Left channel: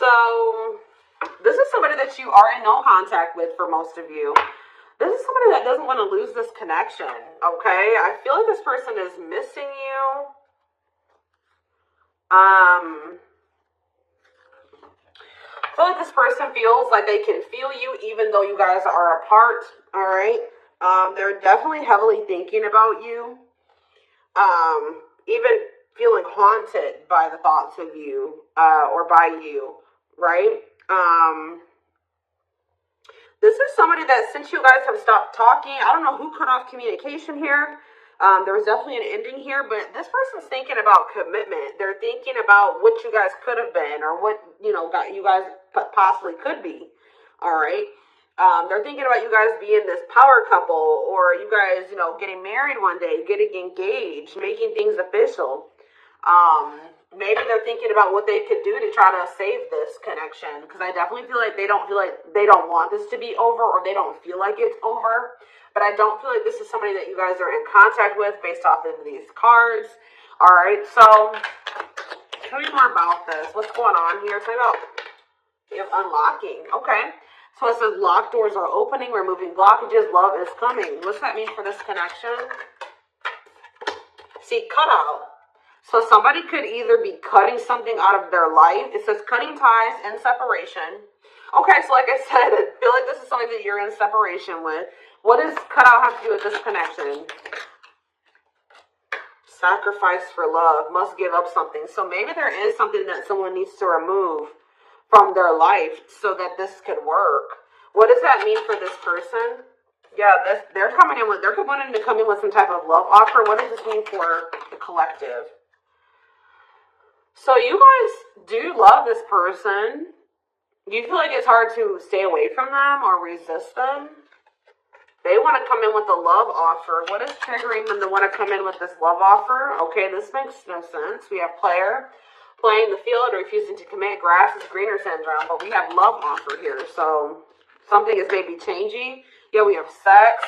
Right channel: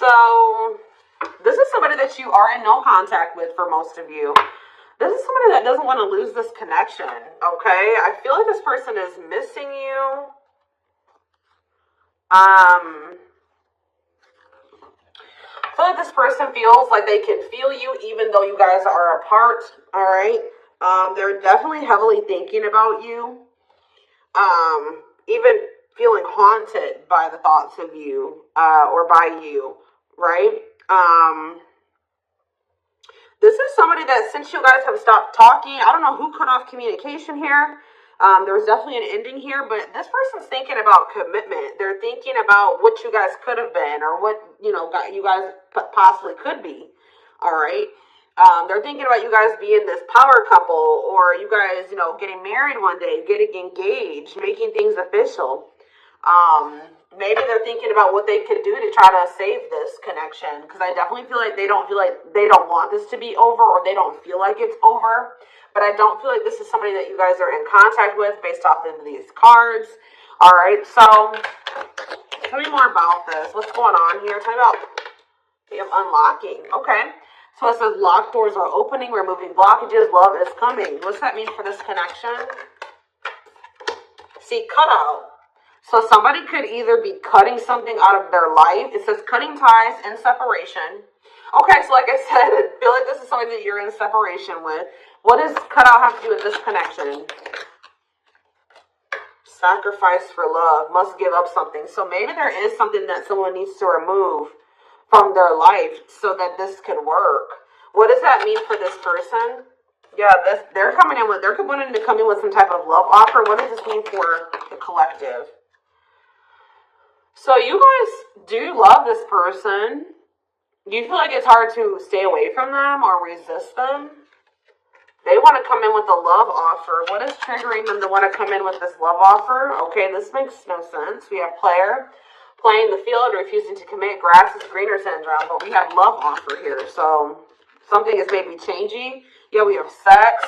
So this is somebody that you are in no contact with for most of you. This is somebody that doesn't want to lose this connection, okay? I feel like this person is missing you. I feel like this person feels like they can feel you even though you guys are apart, all right? They're definitely heavily thinking about you. Even feeling haunted by the thoughts of you, or by you, right? This is somebody that, since you guys have stopped talking, I don't know who cut off communication here. There was definitely an ending here, but this person's thinking about commitment. They're thinking about what you guys could have been, or what, you guys possibly could be, all right? They're thinking about you guys being this power couple, or you guys, getting married one day, getting engaged, making things official. Maybe they're thinking about what they could do to try to save this connection, because I definitely feel like they don't want this to be over, or they don't feel like it's over. But I don't feel like this is somebody that you guys are in contact with based off of these cards. All right, so tell me more about this. What's going on here? Tell me about, we have unlocking. Okay, so it says locked doors are opening, removing blockages, love is coming. What's that mean for this connection? See, cutout. So somebody could either be cutting something out of their life. It says cutting ties and separation. Okay, so like I said, I feel like this is something that you're in separation with. What does cutout have to do with this connection? Sacrifice for love. Must give up something. So maybe there is something that someone needs to remove from their life so that this can work. What does that mean for this person? Yeah, they're coming in with, they're wanting to come in with some type of love offer. What does this mean for the collective? So you guys do love this person. Do you feel like it's hard to stay away from them or resist them? They want to come in with a love offer. What is triggering them to want to come in with this love offer? Okay, this makes no sense. We have player, playing the field, refusing to commit, grass is greener syndrome, but we have love offer here. So something is maybe changing. Yeah, we have sex.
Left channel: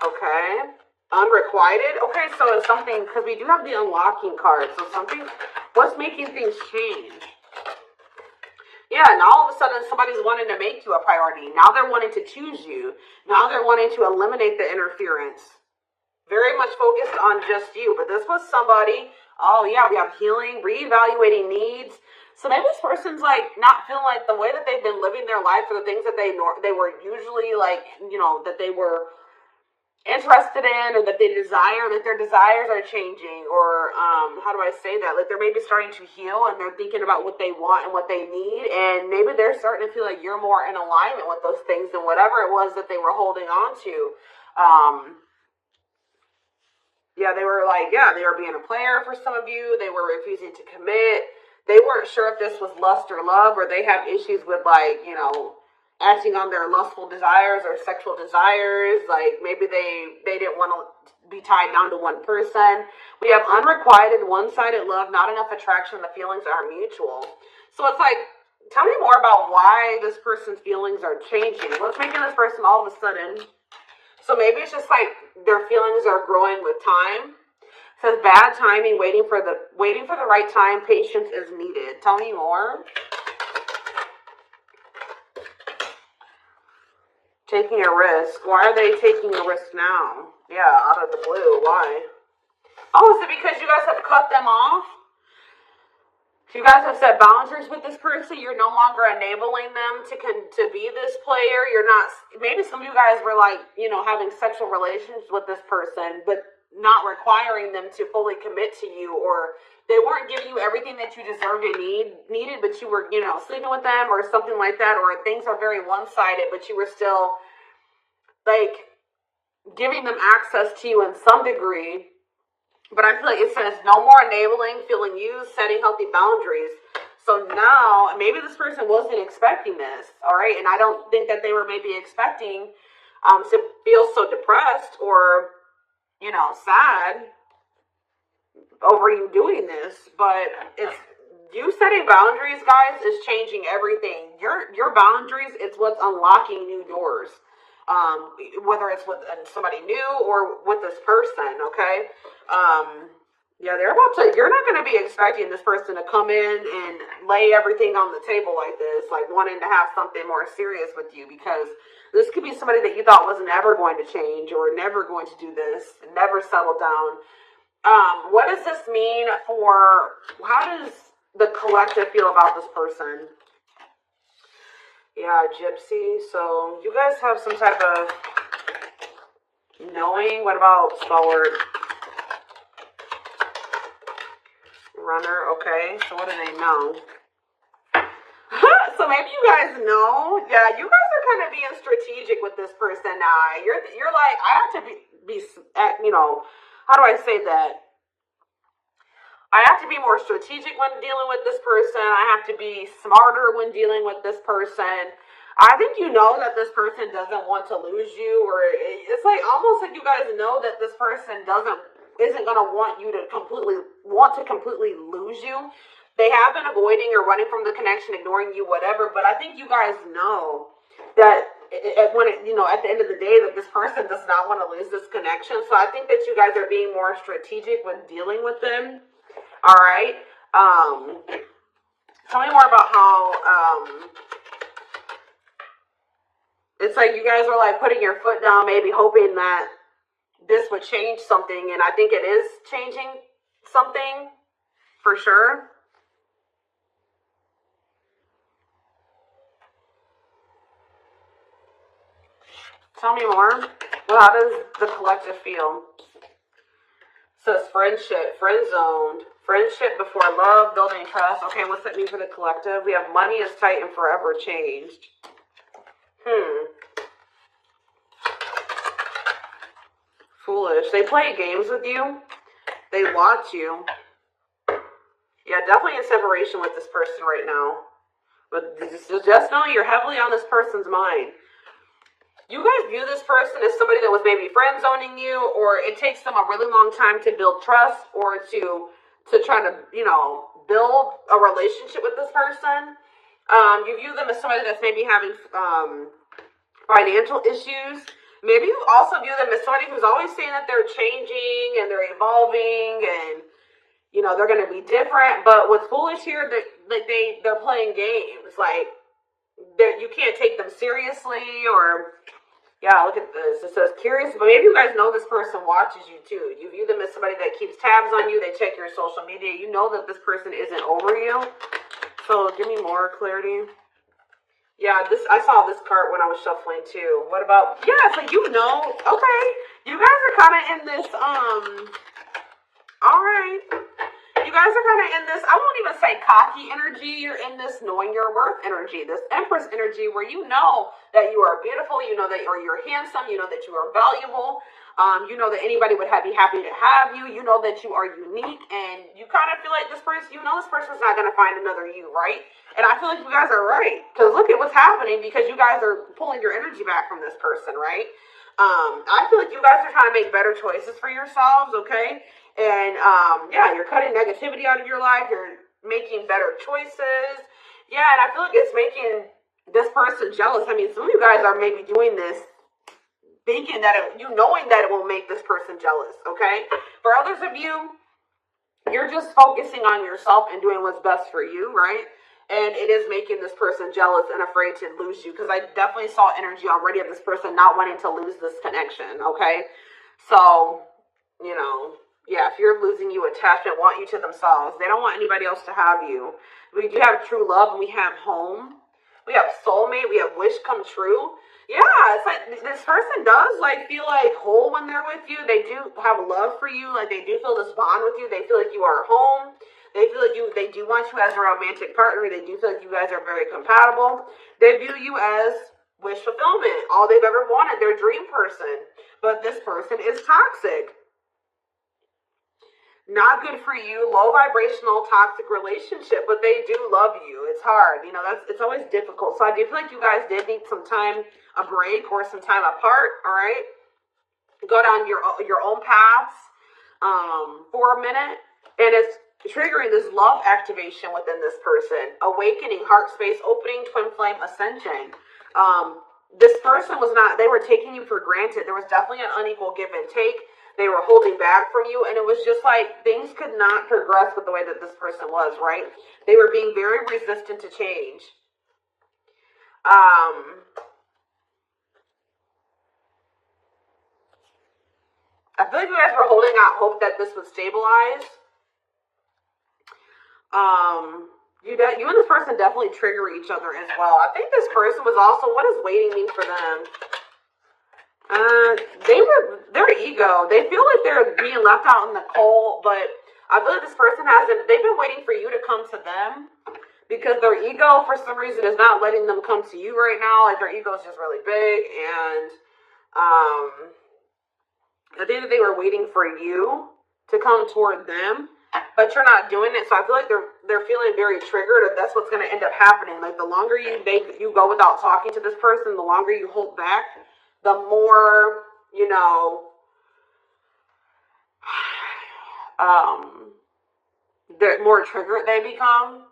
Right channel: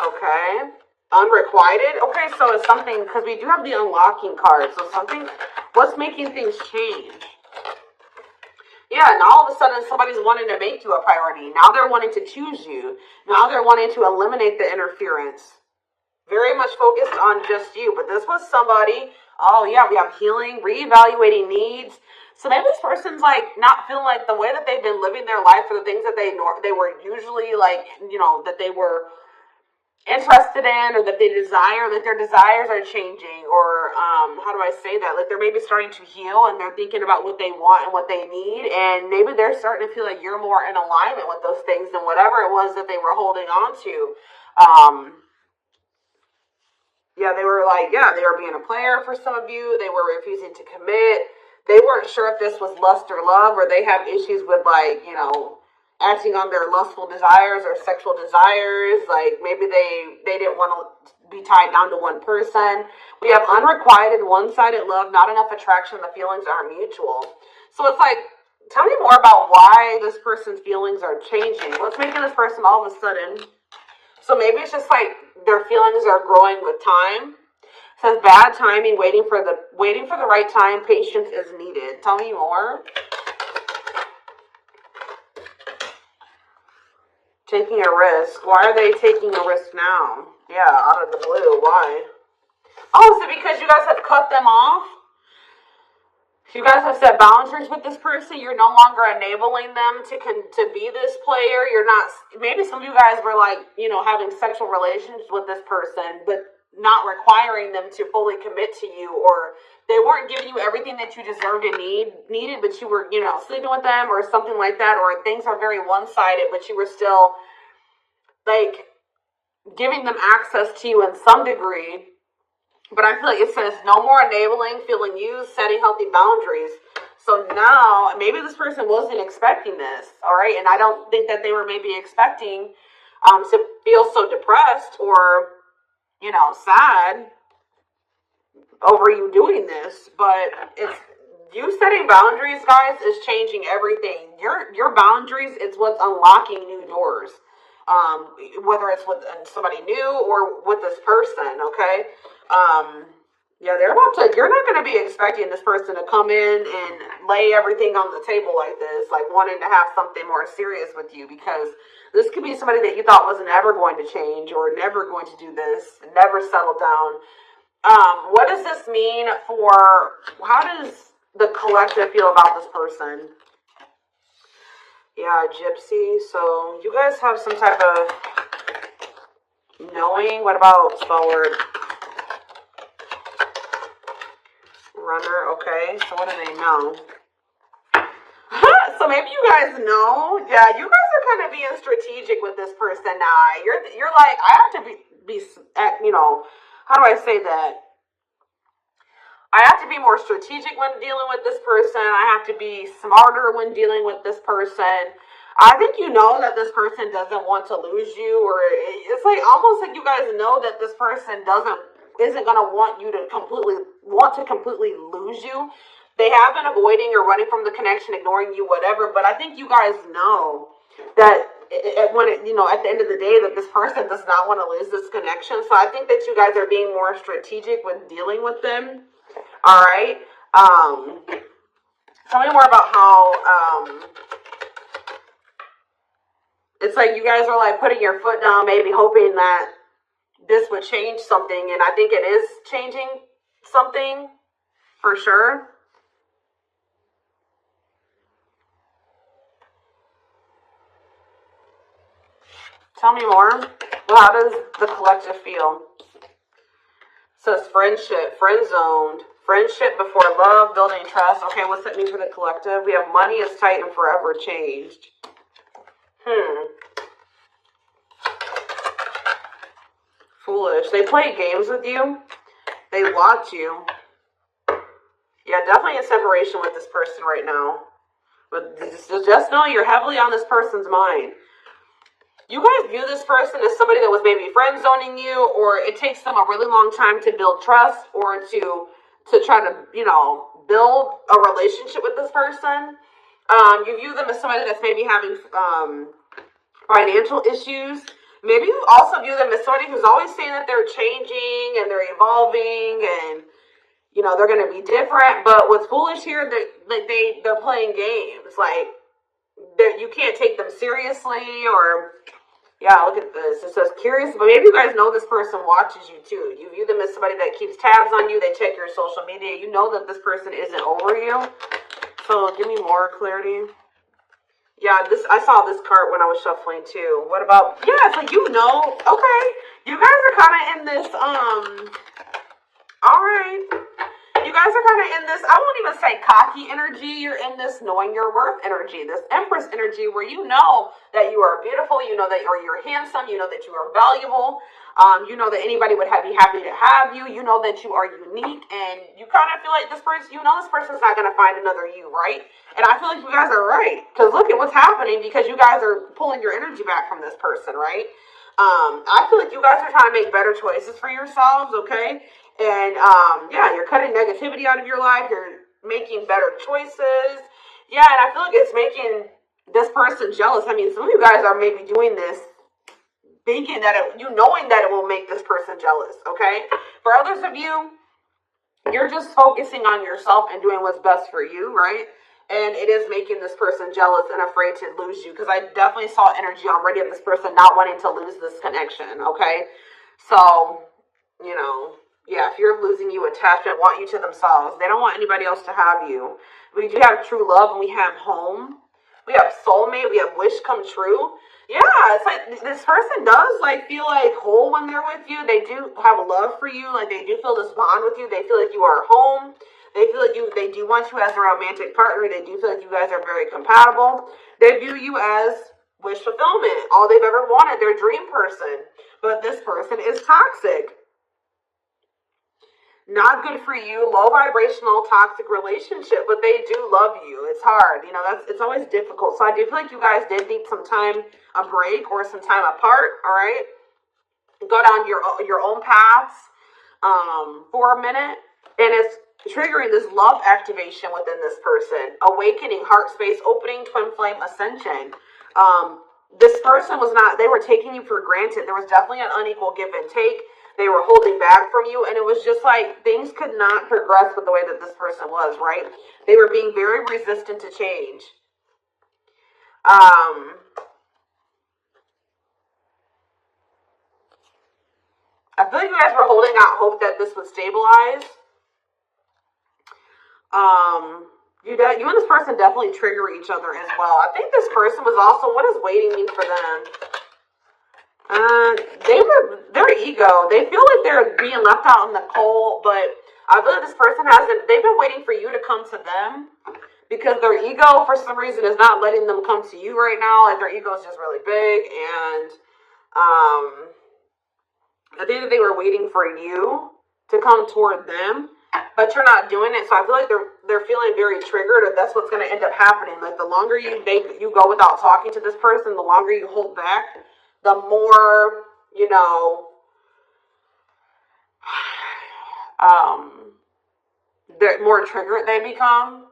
Okay. Unrequited. Okay, so it's something, because we do have the unlocking card. So something, what's making things change? Yeah, and all of a sudden somebody's wanting to make you a priority. Now they're wanting to choose you. Now they're wanting to eliminate the interference. Very much focused on just you. But this was somebody, oh yeah, we have healing, reevaluating needs. So maybe this person's like not feeling like the way that they've been living their life, or the things that they were usually like, that they were interested in, or that they desire, that their desires are changing, or how do I say that? Like they're maybe starting to heal, and they're thinking about what they want and what they need, and maybe they're starting to feel like you're more in alignment with those things than whatever it was that they were holding on to. Yeah, they were being a player for some of you. They were refusing to commit. They weren't sure if this was lust or love, or they have issues with acting on their lustful desires or sexual desires. Like maybe they didn't want to be tied down to one person. We have unrequited, one-sided love, not enough attraction, the feelings are mutual. So it's like, tell me more about why this person's feelings are changing. What's making this person all of a sudden? So maybe it's just like their feelings are growing with time. It says bad timing, waiting for the right time, patience is needed. Tell me more. Taking a risk. Why are they taking a risk now? Yeah, out of the blue. Why? Oh, so because you guys have cut them off? You guys have set boundaries with this person. You're no longer enabling them to be this player. You're not. Maybe some of you guys were like, having sexual relations with this person, but not requiring them to fully commit to you, or they weren't giving you everything that you deserved and needed, but you were, sleeping with them or something like that, or things are very one-sided, but you were still like giving them access to you in some degree. But I feel like it says no more enabling, feeling used, setting healthy boundaries. So now maybe this person wasn't expecting this, all right? And I don't think that they were maybe expecting to feel so depressed or sad over you doing this. But it's you setting boundaries, guys, is changing everything. Your boundaries, it's what's unlocking new doors. Whether it's with somebody new or with this person, okay? Yeah, you're not going to be expecting this person to come in and lay everything on the table like this, like wanting to have something more serious with you, because this could be somebody that you thought was never going to change or never going to do this, never settle down. What does this mean how does the collective feel about this person? Yeah, gypsy. So you guys have some type of knowing. What about spell word? Runner. Okay. So what do they know? So maybe you guys know. Yeah, you guys are kind of being strategic with this person now. You're like, I have to be how do I say that? I have to be more strategic when dealing with this person. I have to be smarter when dealing with this person. I think you know that this person doesn't want to lose you, or it's like almost like you guys know that this person isn't gonna want to completely lose you. They have been avoiding or running from the connection, ignoring you, whatever. But I think you guys know that at the end of the day, that this person does not want to lose this connection. So I think that you guys are being more strategic when dealing with them. All right. Tell me more about how it's like you guys were like putting your foot down, maybe hoping that this would change something, and I think it is changing something for sure. Tell me more. Well, how does the collective feel? It says friendship, friend zoned. Friendship before love, building trust. Okay, what's that mean for the collective? We have money is tight and forever changed. Foolish. They play games with you. They watch you. Yeah, definitely in separation with this person right now. But just know you're heavily on this person's mind. You guys view this person as somebody that was maybe friend zoning you, or it takes them a really long time to build trust or to try to, build a relationship with this person. You view them as somebody that's maybe having financial issues. Maybe you also view them as somebody who's always saying that they're changing and they're evolving and, they're going to be different. But what's foolish here, they're playing games. Like, you can't take them seriously, or... Yeah, look at this. It says curious, but maybe you guys know this person watches you too. You view them as somebody that keeps tabs on you. They check your social media. You know that this person isn't over you. So give me more clarity. Yeah, I saw this card when I was shuffling too. What about, yeah, so okay. You guys are kind of in this, all right. You guys are kind of in this, I won't even say cocky energy. You're in this knowing your worth energy, this Empress energy, where you know that you are beautiful, you know that you're handsome, you know that you are valuable, you know that anybody would be happy to have you, you know that you are unique, and you kind of feel like this person's not going to find another you, right? And I feel like you guys are right, because look at what's happening, because you guys are pulling your energy back from this person, right? I feel like you guys are trying to make better choices for yourselves, okay? And, you're cutting negativity out of your life. You're making better choices. Yeah, and I feel like it's making this person jealous. I mean, some of you guys are maybe doing this thinking that knowing that it will make this person jealous, okay? For others of you, you're just focusing on yourself and doing what's best for you, right? And it is making this person jealous and afraid to lose you, because I definitely saw energy already of this person not wanting to lose this connection, okay? So, yeah, fear of losing you, attachment, want you to themselves. They don't want anybody else to have you. We do have true love, and we have home. We have soulmate. We have wish come true. Yeah, it's like this person does feel whole when they're with you. They do have love for you. Like, they do feel this bond with you. They feel like you are home. They feel like they do want you as a romantic partner. They do feel like you guys are very compatible. They view you as wish fulfillment, all they've ever wanted, their dream person. But this person is toxic. Not good for you, low vibrational, toxic relationship, but they do love you. It's hard, it's always difficult. So I do feel like you guys did need some time, a break, or some time apart. All right, go down your own paths for a minute, and it's triggering this love activation within this person, awakening, heart space opening, twin flame ascension. This person they were taking you for granted. There was definitely an unequal give and take. They were holding back from you, and it was just like things could not progress with the way that this person was, right? They were being very resistant to change. I feel like you guys were holding out hope that this would stabilize. You and this person definitely trigger each other as well. I think this person was also, what does waiting mean for them? Their ego, they feel like they're being left out in the cold, but I feel like this person they've been waiting for you to come to them because their ego, for some reason, is not letting them come to you right now. Like, their ego is just really big, and, I think that they were waiting for you to come toward them, but you're not doing it. So I feel like they're feeling very triggered, and that's what's going to end up happening. Like, the longer you go without talking to this person, the longer you hold back, the more, the more triggered they become.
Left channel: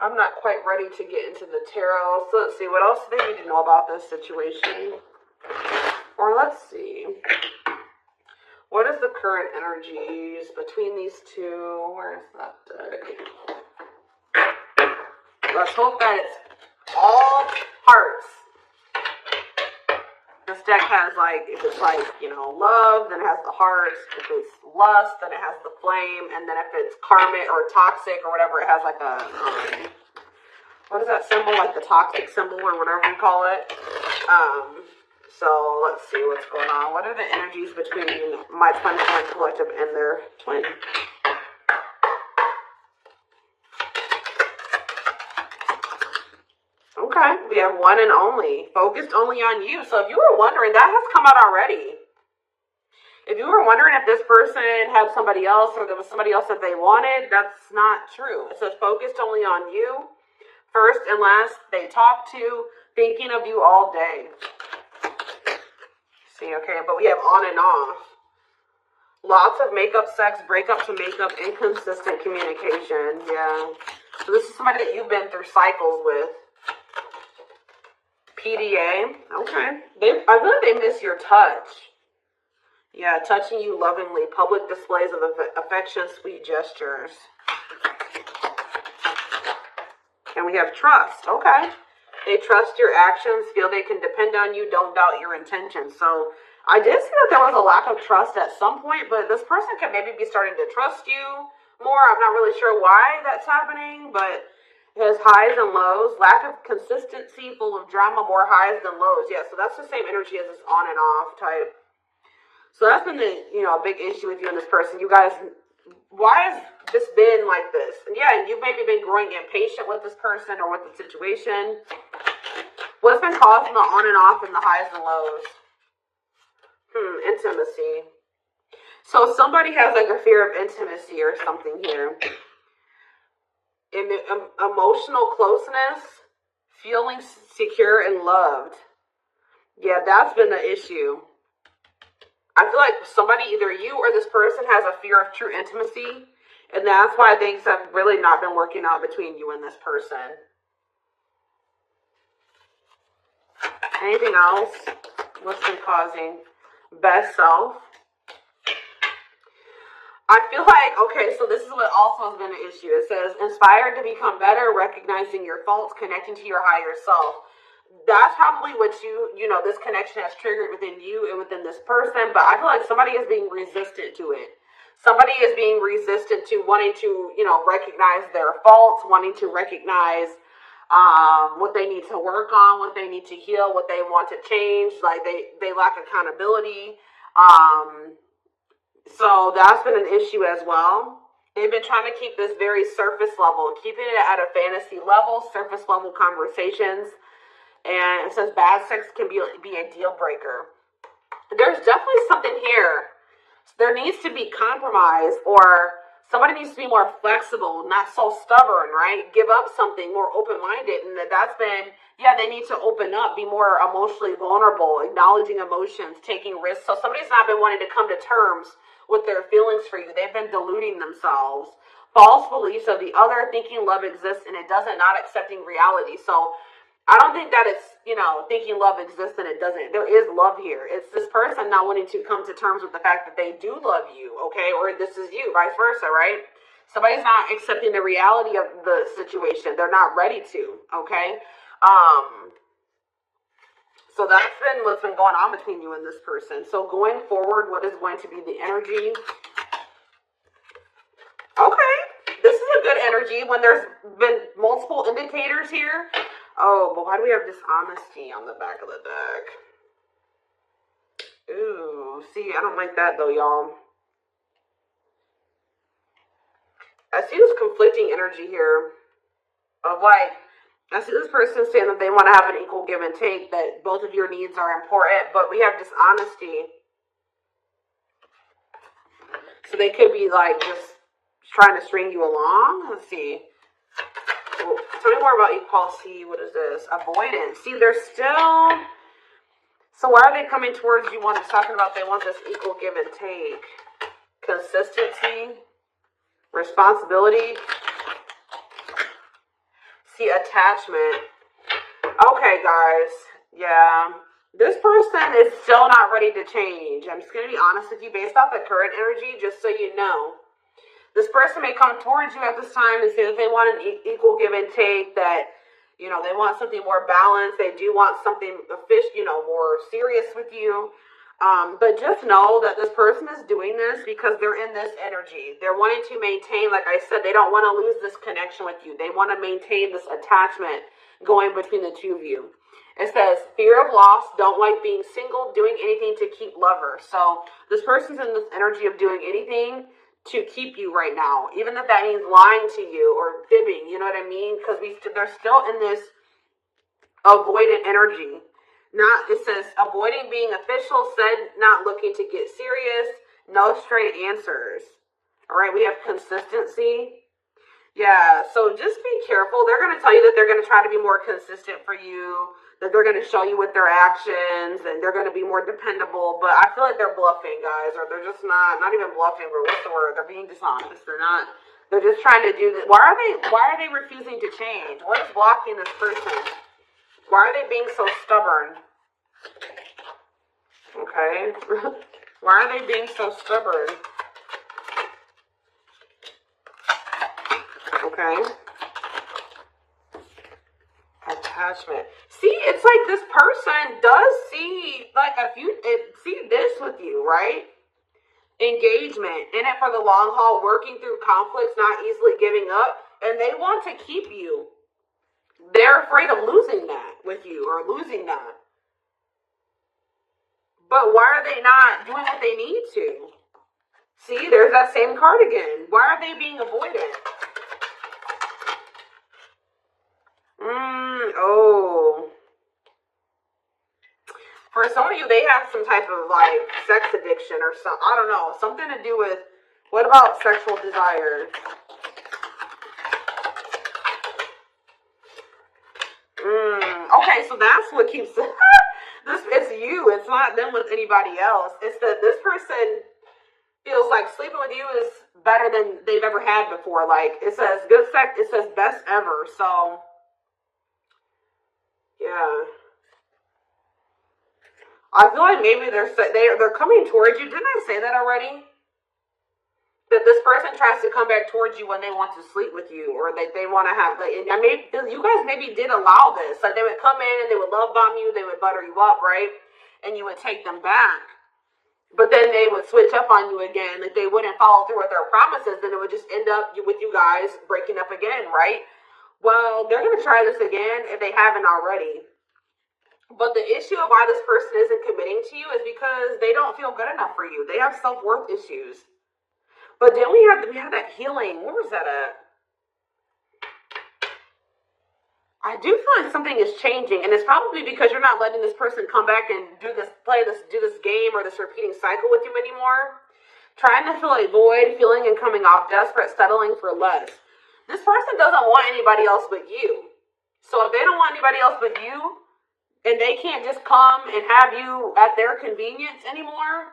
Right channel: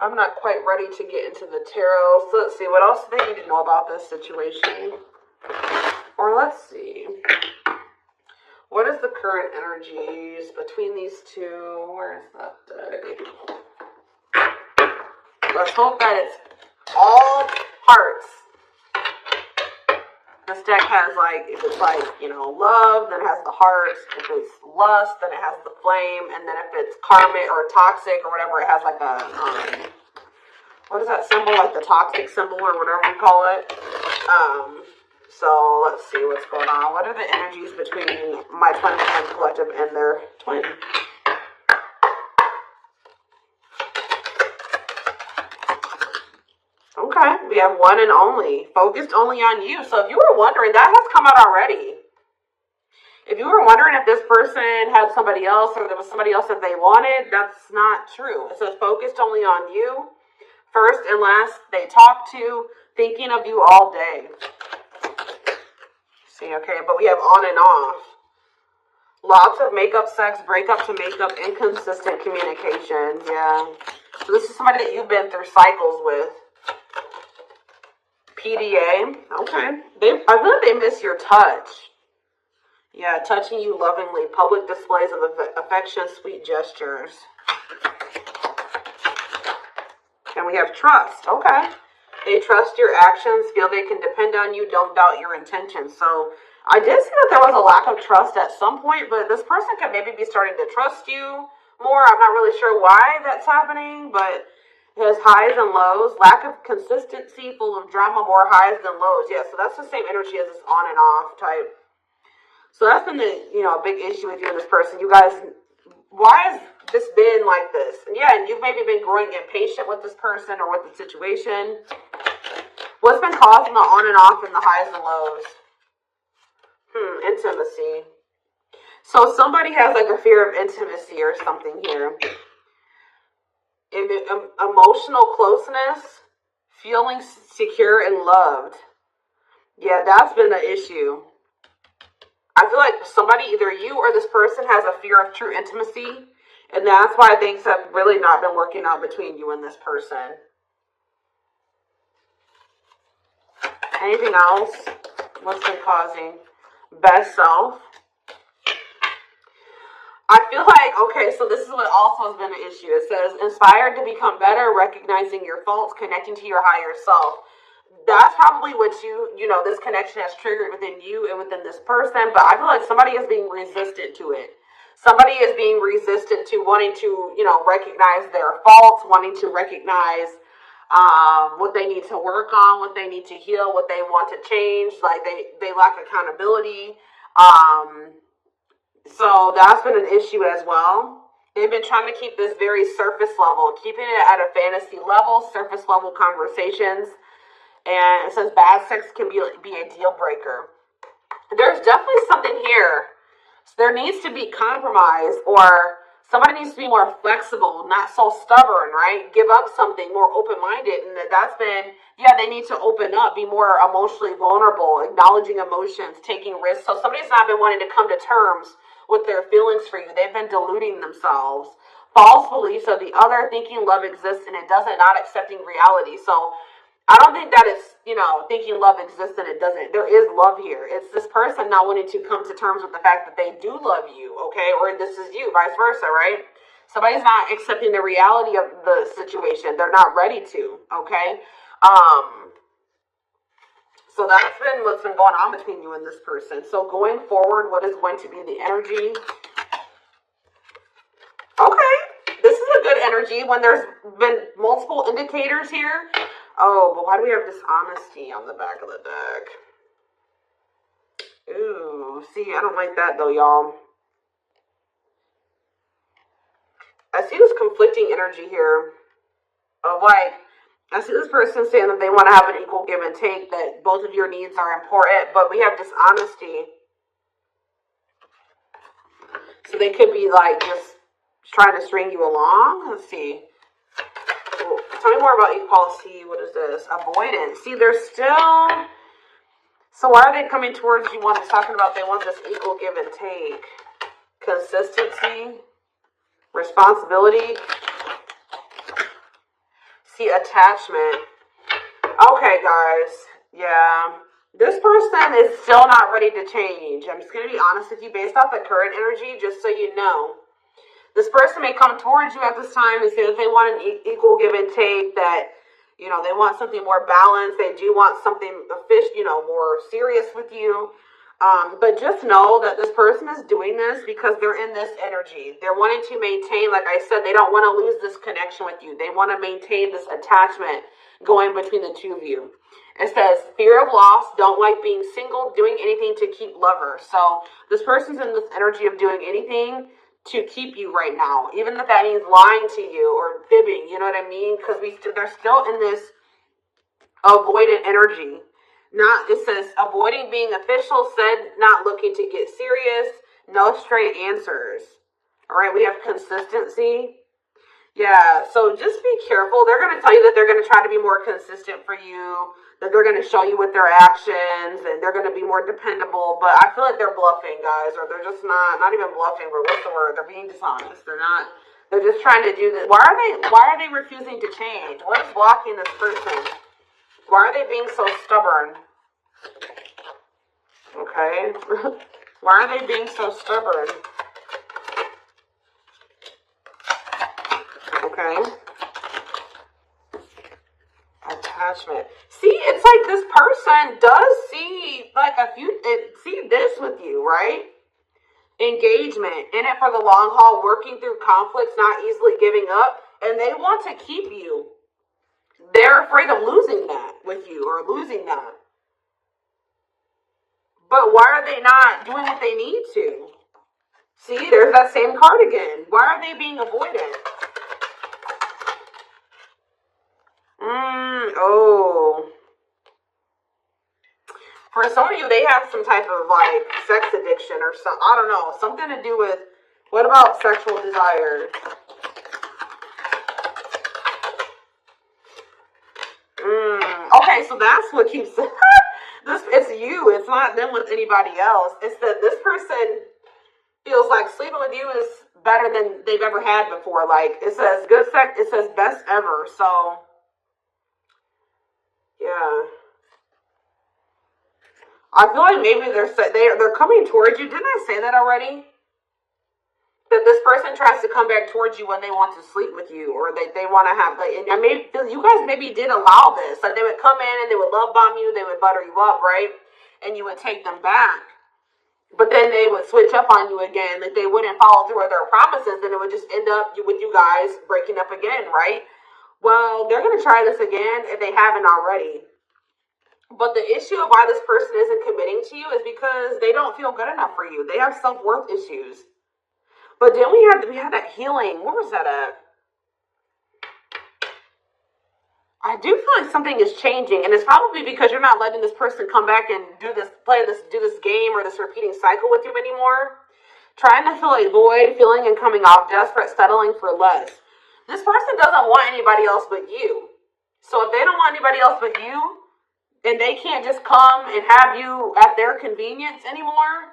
I'm not quite ready to get into the tarot. So let's see, what else do we need to know about this situation? Or let's see. What is the current energies between these two? Where is that deck? Let's hope that it's all hearts. This deck has, like, if it's like, love, then it has the hearts. If it's lust, then it has the flame. And then if it's karmic or toxic or whatever, it has like a, what is that symbol? Like the toxic symbol or whatever you call it. So let's see what's going on. What are the energies between my twin flame collective and their twin? Okay, we have one and only. Focused only on you. So if you were wondering, that has come out already. If you were wondering if this person had somebody else or there was somebody else that they wanted, that's not true. It says focused only on you. First and last, they talk to, thinking of you all day. See, okay, but we have on and off. Lots of makeup sex, breakup to makeup, inconsistent communication. Yeah. So this is somebody that you've been through cycles with. PDA. Okay. I feel like they miss your touch. Yeah, touching you lovingly. Public displays of affection, sweet gestures. And we have trust. Okay. They trust your actions, feel they can depend on you, don't doubt your intentions. So I did see that there was a lack of trust at some point, but this person could maybe be starting to trust you more. I'm not really sure why that's happening, but it has highs and lows. Lack of consistency, full of drama, more highs than lows. Yeah, so that's the same energy as this on and off type. So that's been the, a big issue with you and this person. You guys, why has this been like this? And yeah, and you've maybe been growing impatient with this person or with the situation. What's been causing the on and off and the highs and lows? Intimacy. So somebody has like a fear of intimacy or something here. Emotional closeness, feeling secure and loved. Yeah, that's been the issue. I feel like somebody, either you or this person, has a fear of true intimacy, and that's why things have really not been working out between you and this person. Anything else? What's been causing? Best self. I feel like, okay, so this is what also has been an issue. It says, inspired to become better, recognizing your faults, connecting to your higher self. That's probably what this connection has triggered within you and within this person. But I feel like somebody is being resistant to it. Somebody is being resistant to wanting to, recognize their faults, wanting to recognize what they need to work on, what they need to heal, what they want to change. Like they lack accountability. So that's been an issue as well. They've been trying to keep this very surface level, keeping it at a fantasy level, surface level conversations. And it says bad sex can be a deal breaker. There's definitely something here. So there needs to be compromise, or somebody needs to be more flexible, not so stubborn, right? Give up something, more open-minded. And that's been, they need to open up, be more emotionally vulnerable, acknowledging emotions, taking risks. So somebody's not been wanting to come to terms with their feelings for you. They've been deluding themselves, false beliefs of the other, thinking love exists and it doesn't, not accepting reality. So I don't think that it's, thinking love exists and it doesn't. There is love here. It's this person not wanting to come to terms with the fact that they do love you, okay? Or this is you, vice versa, right? Somebody's not accepting the reality of the situation. They're not ready to, okay? So that's been what's been going on between you and this person. So going forward, what is going to be the energy? Okay, this is a good energy when there's been multiple indicators here. Oh, but why do we have dishonesty on the back of the deck? Ooh, see, I don't like that though, y'all. I see this conflicting energy here of like, I see this person saying that they want to have an equal give and take, that both of your needs are important, but we have dishonesty. So they could be like just trying to string you along. Let's see. Tell me more about equality. What is this? Avoidance. See, they're still... So why are they coming towards you when it's talking about they want this equal give and take? Consistency. Responsibility. See, attachment. Okay, guys. Yeah. This person is still not ready to change. I'm just going to be honest with you based off the current energy, just so you know. This person may come towards you at this time and say that they want an equal give and take, that, they want something more balanced. They do want something more serious with you. But just know that this person is doing this because they're in this energy. They're wanting to maintain, like I said, they don't want to lose this connection with you. They want to maintain this attachment going between the two of you. It says, fear of loss, don't like being single, doing anything to keep lovers. So this person's in this energy of doing anything to keep you right now, even if that means lying to you or fibbing, you know what I mean? Because they're still in this avoidant energy. It says avoiding being official, said not looking to get serious, no straight answers. All right, we have consistency. Yeah, so just be careful. They're going to tell you that they're going to try to be more consistent for you, that they're going to show you with their actions, and they're going to be more dependable. But I feel like they're bluffing, guys, or they're just not even bluffing, but what's the word? They're being dishonest. They're just trying to do this. Why are they refusing to change? What is blocking this person? Why are they being so stubborn? Okay. Why are they being so stubborn? Okay. Attachment. See, it's like this person does see see this with you, right? Engagement, in it for the long haul, working through conflicts, not easily giving up, and they want to keep you. They're afraid of losing that with you or losing that. But why are they not doing what they need to? See, there's that same card again. Why are they being avoidant? Oh. For some of you, they have some type of sex addiction or something. I don't know. Something to do with, what about sexual desire? Okay, so that's what keeps it's you. It's not them with anybody else. It's that this person feels like sleeping with you is better than they've ever had before. Like, it says good sex, it says best ever. So, yeah. I feel like maybe they're coming towards you. Didn't I say that already? That this person tries to come back towards you when they want to sleep with you, or they want to have and maybe you guys maybe did allow this. Like, they would come in and they would love bomb you, they would butter you up, right? And you would take them back. But then they would switch up on you again. Like, they wouldn't follow through with their promises, and it would just end up with you guys breaking up again, right? Well, they're going to try this again if they haven't already. But the issue of why this person isn't committing to you is because they don't feel good enough for you. They have self-worth issues. But then we have that healing. Where was that at? I do feel like something is changing, and it's probably because you're not letting this person come back and do this game or this repeating cycle with you anymore. Trying to fill a void, feeling and coming off desperate, settling for less. This person doesn't want anybody else but you. So if they don't want anybody else but you, and they can't just come and have you at their convenience anymore,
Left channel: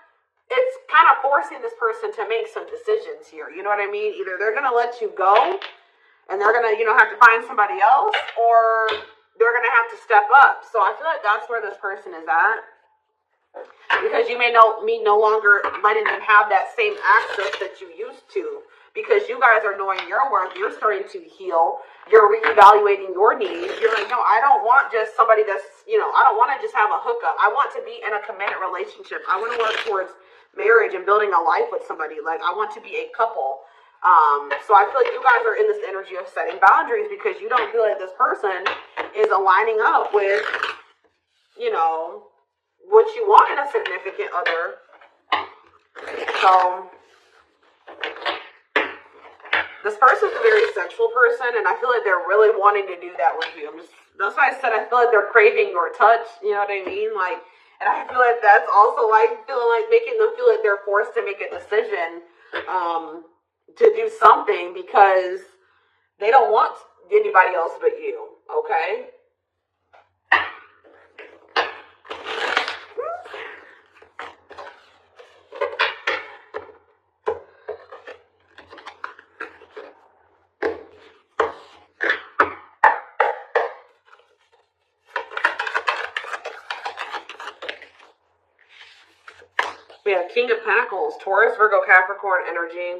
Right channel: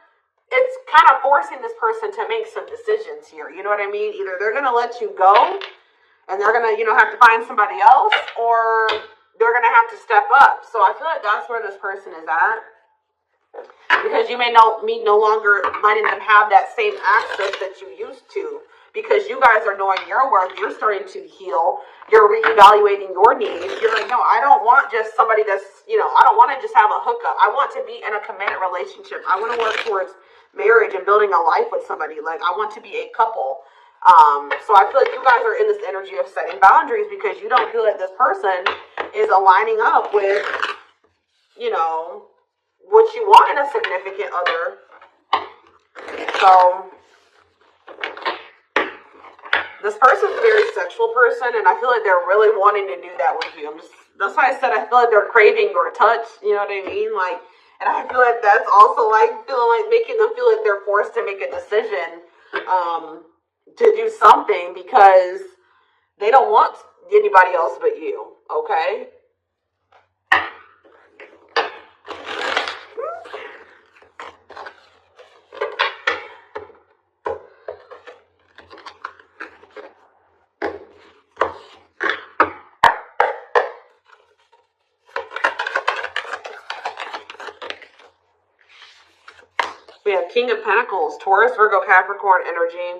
it's kind of forcing this person to make some decisions here. You know what I mean? Either they're going to let you go and they're going to, have to find somebody else, or they're going to have to step up. So I feel like that's where this person is at. Because you may no longer letting them have that same access that you used to. Because you guys are doing your work, you're starting to heal, you're reevaluating your needs. You're like, no, I don't want just somebody that's, I don't want to just have a hookup. I want to be in a committed relationship. I want to work towards marriage and building a life with somebody. Like, I want to be a couple. So I feel like you guys are in this energy of setting boundaries because you don't feel like this person is aligning up with, what you want in a significant other. So this person's a very sexual person, and I feel like they're really wanting to do that with you. That's why I said I feel like they're craving your touch. You know what I mean? Like, and I feel like that's also like feeling like making them feel like they're forced to make a decision to do something because they don't want anybody else but you. Okay. We have King of Pentacles, Taurus, Virgo, Capricorn energy.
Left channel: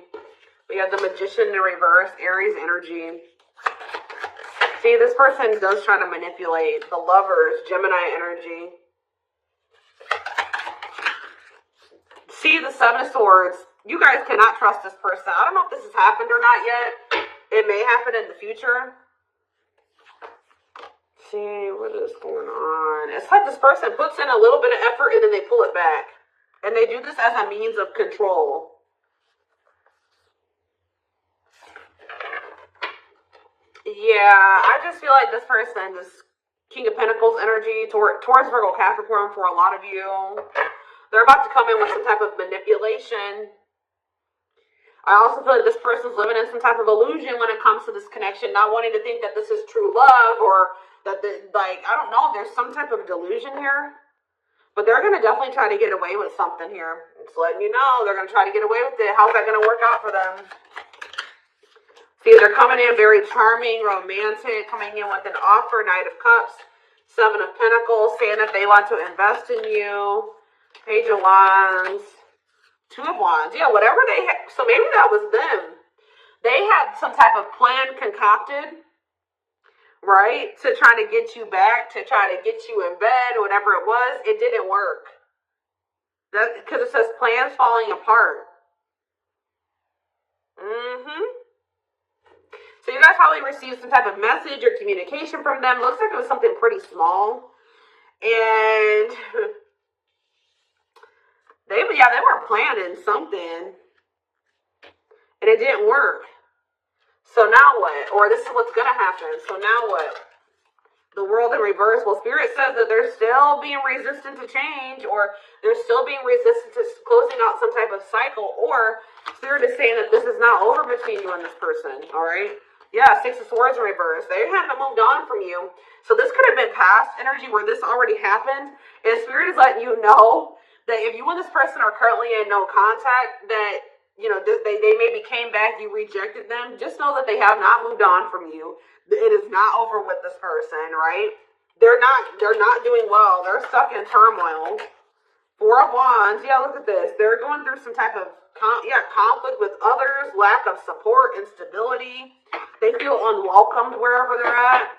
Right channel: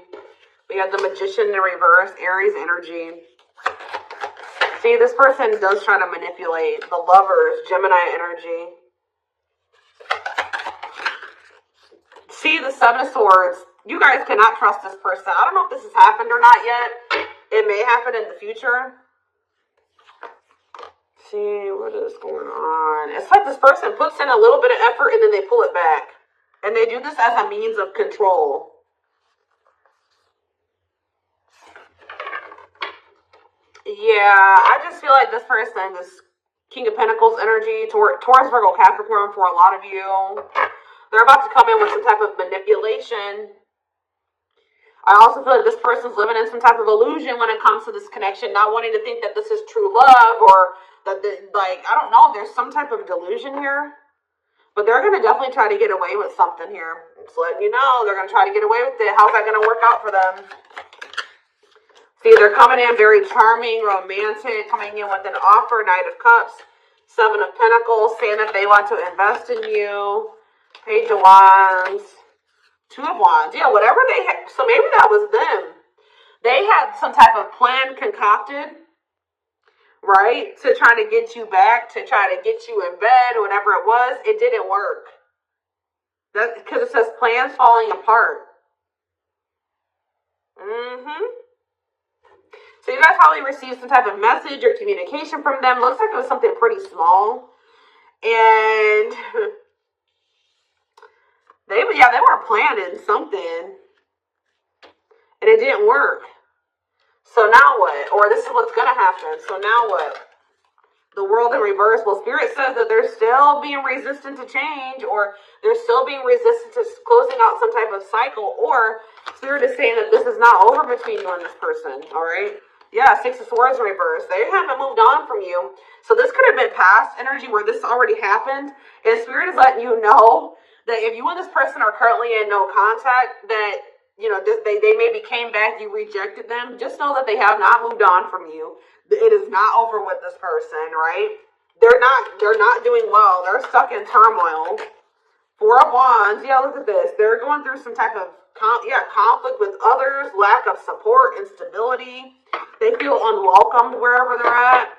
We have the Magician in reverse, Aries energy. See, this person does try to manipulate. The Lovers, Gemini energy. See, the Seven of Swords. You guys cannot trust this person. I don't know if this has happened or not yet. It may happen in the future. See, what is going on? It's like this person puts in a little bit of effort and then they pull it back. And they do this as a means of control. Yeah, I just feel like this person, this King of Pentacles energy, Taurus, Virgo, Capricorn for a lot of you, they're about to come in with some type of manipulation. I also feel like this person's living in some type of illusion when it comes to this connection, not wanting to think that this is true love or that, I don't know, there's some type of delusion here. But they're going to definitely try to get away with something here. Just letting you know, they're going to try to get away with it. How's that going to work out for them? See, they're coming in very charming, romantic, coming in with an offer, Knight of Cups, Seven of Pentacles, saying that they want to invest in you, Page of Wands, Two of Wands. Yeah, whatever they had. So maybe that was them. They had some type of plan concocted, right, to try to get you back, to try to get you in bed, whatever it was. It didn't work. That's because it says plans falling apart. So you guys probably received some type of message or communication from them. Looks like it was something pretty small. And they were planning something. And it didn't work. So now what? Or this is what's going to happen. So now what? The World in reverse. Well, Spirit says that they're still being resistant to change, or they're still being resistant to closing out some type of cycle, or Spirit is saying that this is not over between you and this person, all right? Yeah, Six of Swords in reverse. They haven't moved on from you. So this could have been past energy where this already happened, and Spirit is letting you know that if you and this person are currently in no contact, that they maybe came back, you rejected them. Just know that they have not moved on from you. It is not over with this person, right? They're not doing well. They're stuck in turmoil. Four of Wands. Yeah, look at this. They're going through some type of conflict with others, lack of support, instability. They feel unwelcomed wherever they're at.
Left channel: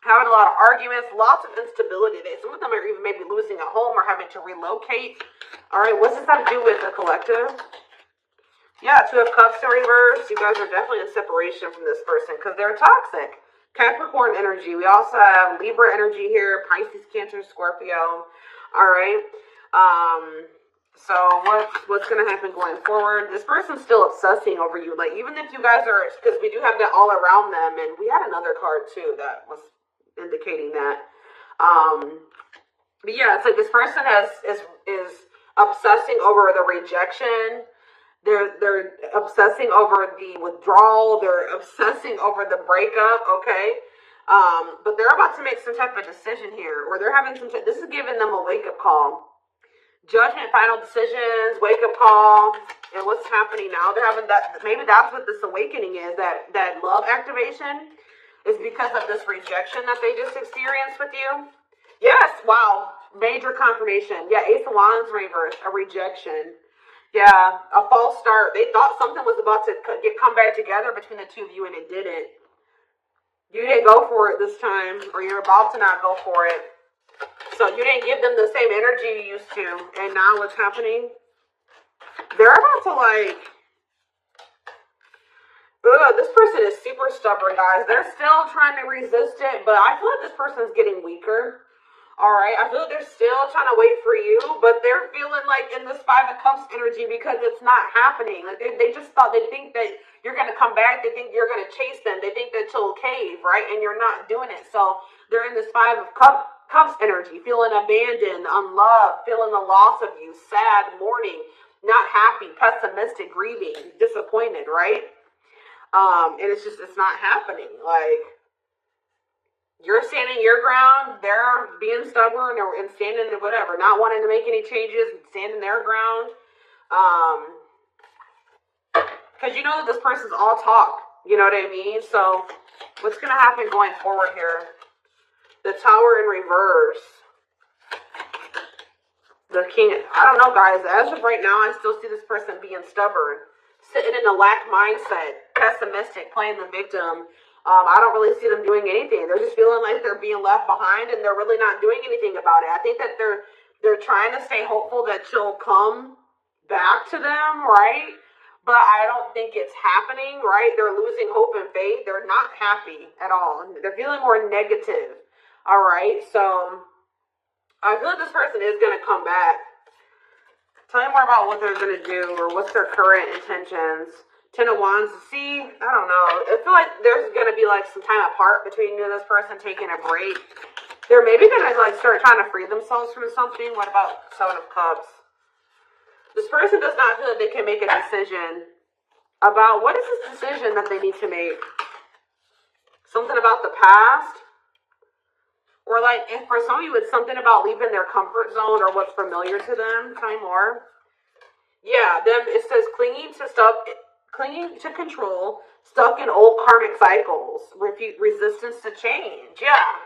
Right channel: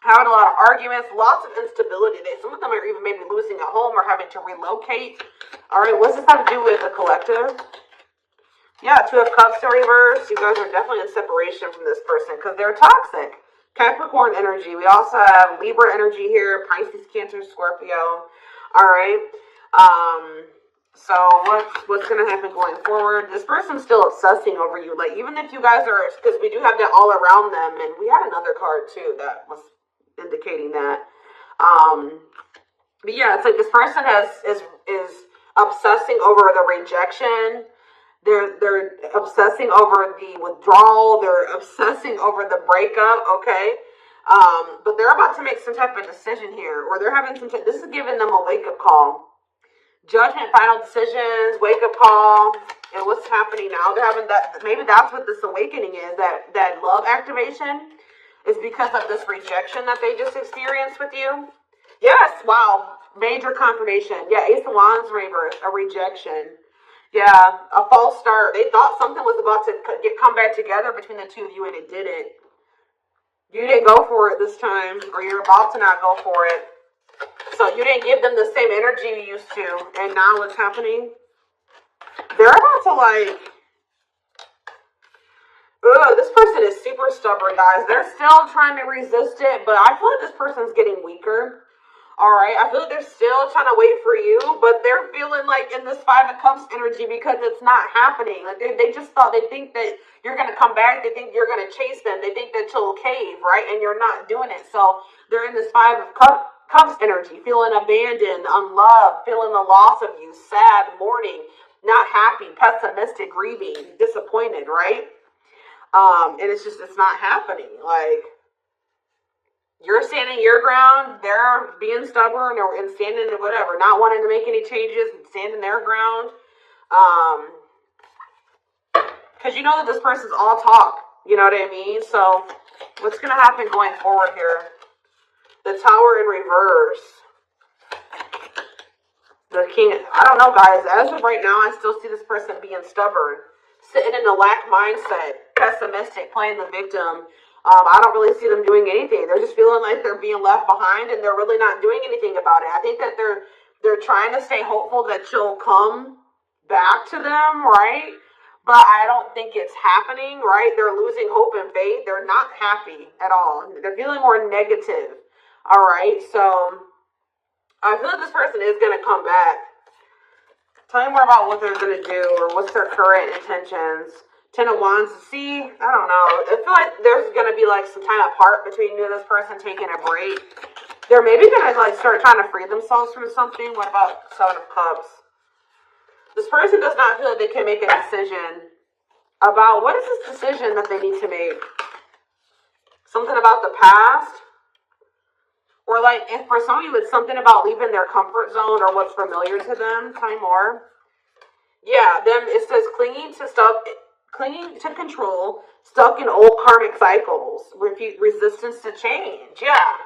Having a lot of arguments, lots of instability. Some of them are even maybe losing a home or having to relocate. All right, what's this have to do with the collective? Yeah, Two of Cups in reverse. You guys are definitely in separation from this person because they're toxic. Capricorn energy. We also have Libra energy here. Pisces, Cancer, Scorpio. All right. So what's going to happen going forward? This person's still obsessing over you. Like, even if you guys are, because we do have that all around them, and we had another card too that was indicating that. But yeah, it's like this person is obsessing over the rejection. They're obsessing over the withdrawal. They're obsessing over the breakup, okay? But they're about to make some type of decision here, or they're having this is giving them a wake-up call. Judgment, final decisions, wake up call. And what's happening now? They're having that. Maybe that's what this awakening is. That love activation is because of this rejection that they just experienced with you. Yes. Wow. Major confirmation. Yeah. Ace of Wands reverse. A rejection. Yeah. A false start. They thought something was about to come back together between the two of you, and it didn't. You didn't go for it this time, or you're about to not go for it. So you didn't give them the same energy you used to. And now what's happening? They're about to this person is super stubborn, guys. They're still trying to resist it, but I feel like this person's getting weaker. All right, I feel like they're still trying to wait for you, but they're feeling like in this Five of Cups energy because it's not happening. Like they just thought, they think that you're going to come back. They think you're going to chase them. They think that you'll cave, right? And you're not doing it. So they're in this Five of Cups energy, feeling abandoned, unloved, feeling the loss of you, sad, mourning, not happy, pessimistic, grieving, disappointed, right? And it's not happening. Like, you're standing your ground, they're being stubborn and standing whatever, not wanting to make any changes, standing their ground. Because you know that this person's all talk, you know what I mean? So what's going to happen going forward here? The Tower in reverse. The King, I don't know, guys. As of right now, I still see this person being stubborn, sitting in a lack mindset, pessimistic, playing the victim. I don't really see them doing anything. They're just feeling like they're being left behind, and they're really not doing anything about it. I think that they're trying to stay hopeful that she'll come back to them, right? But I don't think it's happening, right? They're losing hope and faith. They're not happy at all. They're feeling more negative, all right? So I feel like this person is going to come back. Tell me more about what they're going to do or what's their current intentions. Ten of Wands. See, I don't know. I feel like there's going to be like some time apart between you and this person, taking a break. They're maybe going to like start trying to free themselves from something. What about Seven of Cups? This person does not feel like they can make a decision about what is this decision that they need to make. Something about the past. Or like, if for some of you it's something about leaving their comfort zone or what's familiar to them. Tell me more. Yeah, it says clinging to control, stuck in old karmic cycles, resistance to change. Yeah,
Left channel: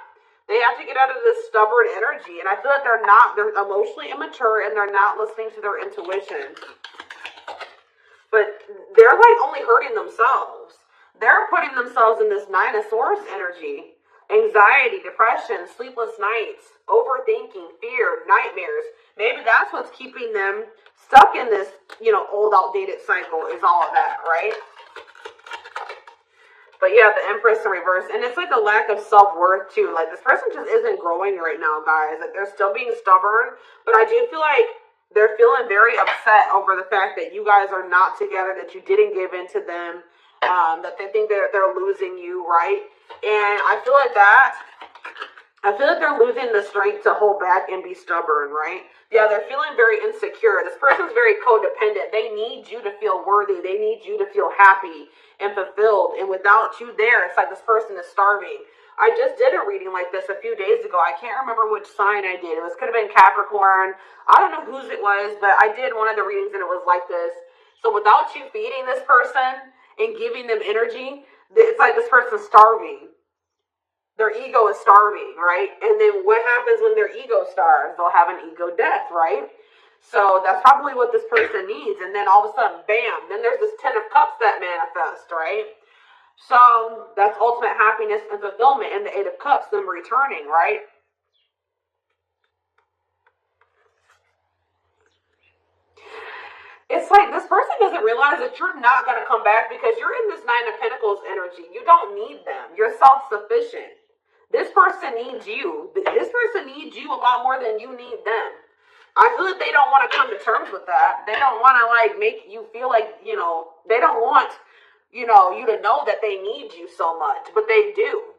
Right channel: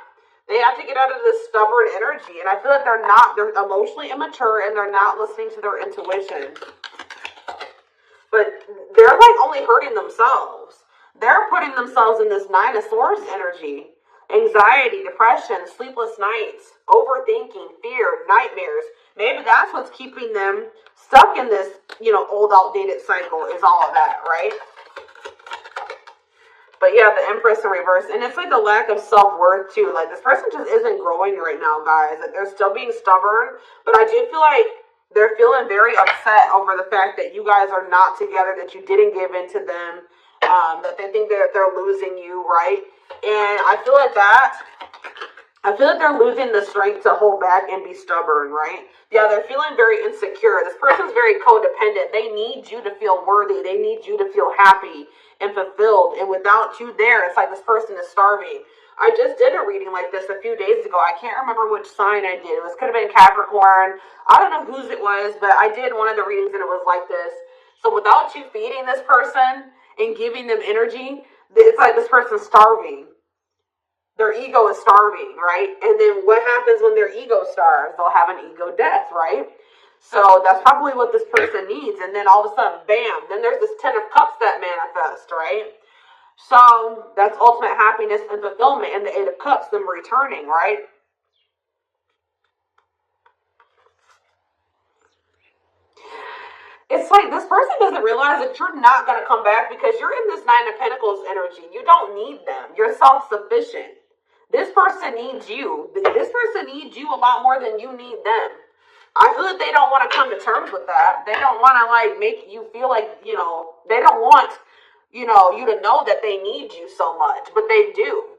they have to get out of this stubborn energy, and I feel like they're emotionally immature, and they're not listening to their intuition. But they're like only hurting themselves. They're putting themselves in this Nine of Swords energy. Anxiety, depression, sleepless nights, overthinking, fear, nightmares. Maybe that's what's keeping them stuck in this, old, outdated cycle is all of that, right? But yeah, the Empress in reverse. And it's like a lack of self-worth, too. Like, this person just isn't growing right now, guys. Like, they're still being stubborn. But I do feel like they're feeling very upset over the fact that you guys are not together, that you didn't give in to them, that they think they're losing you, right? And I feel like they're losing the strength to hold back and be stubborn, right? Yeah, they're feeling very insecure. This person's very codependent. They need you to feel worthy. They need you to feel happy and fulfilled. And without you there, it's like this person is starving. I just did a reading like this a few days ago. I can't remember which sign I did. It could have been Capricorn. I don't know whose it was, but I did one of the readings and it was like this. So without you feeding this person and giving them energy, it's like this person's starving. Their ego is starving, right? And then what happens when their ego starves? They'll have an ego death, right? So that's probably what this person needs. And then all of a sudden, bam, then there's this Ten of Cups that manifest, right? So that's ultimate happiness and fulfillment. And the Eight of Cups, them returning, right? It's like this person doesn't realize that you're not going to come back because you're in this Nine of Pentacles energy. You don't need them. You're self-sufficient. This person needs you. This person needs you a lot more than you need them. I feel like they don't want to come to terms with that. They don't want to like make you feel like, they don't want, you to know that they need you so much, but they do.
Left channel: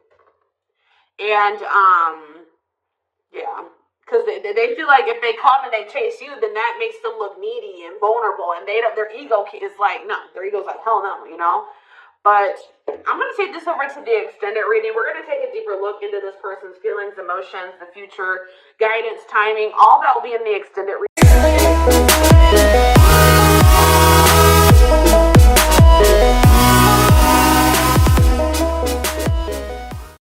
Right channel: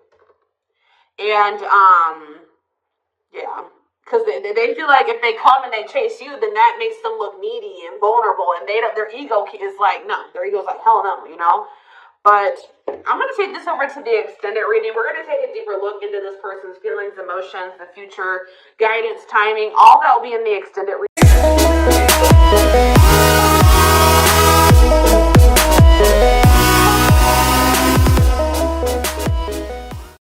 And, yeah. Because they feel like if they come and they chase you, then that makes them look needy and vulnerable. And their ego is like, no. Their ego's like, hell no, But I'm going to take this over to the extended reading. We're going to take a deeper look into this person's feelings, emotions, the future, guidance, timing. All that will be in the extended reading.